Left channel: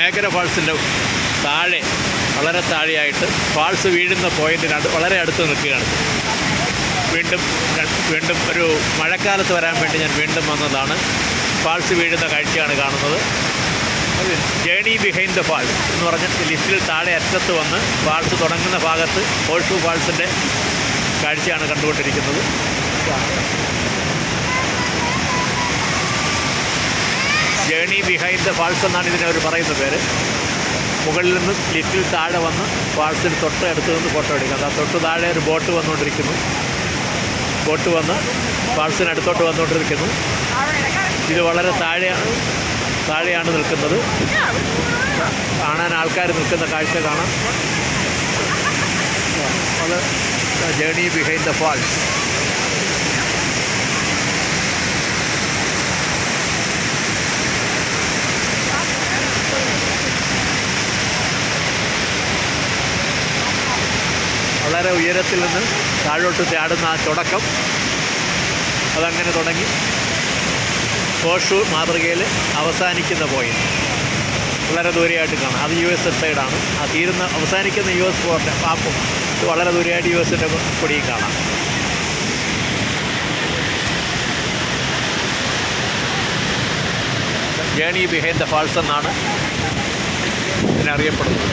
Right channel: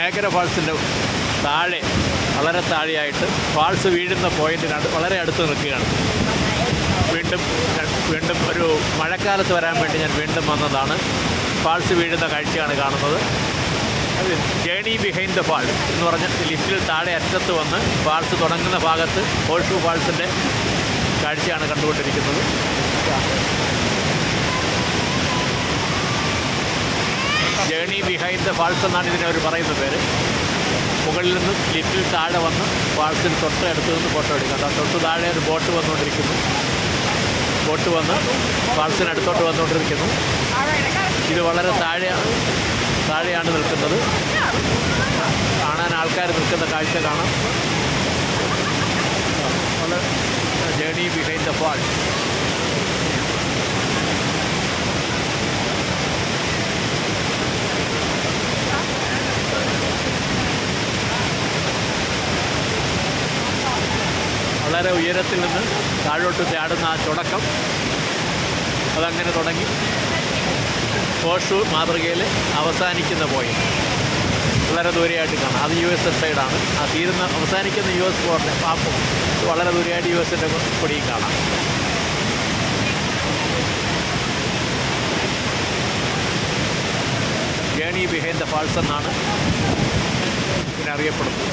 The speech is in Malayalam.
നയാഗ്ര ഫാൾസിൻ്റെ താഴെ, വളരെ താഴെയായിട്ട് ഫാൾസ് വീഴുന്ന പോയിൻറ്റിനടുത്ത് വളരെ അടുത്ത് നിൽക്കുകയാണ്. വീണ്ടും ഒരു മഴക്കാലത്ത് വരാൻ വേണ്ടി ഞാൻ വീണ്ടും വന്നതാണ്. ഫാൾസ് വീഴുന്ന കാഴ്ചയാണ് കാണുന്നത്. അത് ജേണി ബിഹൈൻഡ് ദ ഫാൾസ് എന്ന് പറഞ്ഞ ലിസ്റ്റിൽ താഴെ അറ്റത്ത് വന്ന് ഫാൾസ് തുടങ്ങുന്ന ഭാഗത്ത് ഹോഴ്സ്ഷൂ ഫാൾസിൻ്റെ കാഴ്ചയാണ് കണ്ടുകൊണ്ടിരിക്കുന്നത്. ജേണി ബിഹൈൻഡ് ദ ഫാൾസ് എന്നാണ് ഇതിനെ അവർ പറയുന്ന പേര്. മുകളിൽ നിന്ന് ലിറ്റിൽ താഴെ വന്ന് ഫാൾസിന് തൊട്ട് അടുത്ത് നിന്ന് ഫോട്ടോ എടുക്കുന്നത്. ആ തൊട്ട് താഴെ ഒരു ബോട്ട് വന്നുകൊണ്ടിരിക്കുന്നു. ബോട്ട് വന്ന് ഫാൾസിനടുത്തോട്ട് വന്നുകൊണ്ടിരിക്കുന്നു. ഇത് വളരെ താഴെയാണ് നിൽക്കുന്നത്. കാണാൻ ആൾക്കാർ നിൽക്കുന്ന കാഴ്ച കാണാം. Journey behind the falls. വളരെ ഉയരത്തിൽ നിന്ന് താഴോട്ട് ചാടുന്ന ആ തുടക്കം, അതങ്ങനെ തുടങ്ങി ഹോഴ്സ്ഷൂ മാതൃകയിൽ അവസാനിക്കുന്ന പോയിന്റ് വളരെ ദൂരെയായിട്ട് കാണാം. അത് US സൈഡാണ്. ആ അവസാനിക്കുന്ന US പോർട്ട് പാപ്പും വളരെ ദൂരെയായിട്ട് US-ൻ്റെ കൊടിയും കാണാം. ജേണി ബിഹൈൻഡ് ദ ഫാൾസ് എന്നാണ് ഇതിനറിയപ്പെടുന്നത്.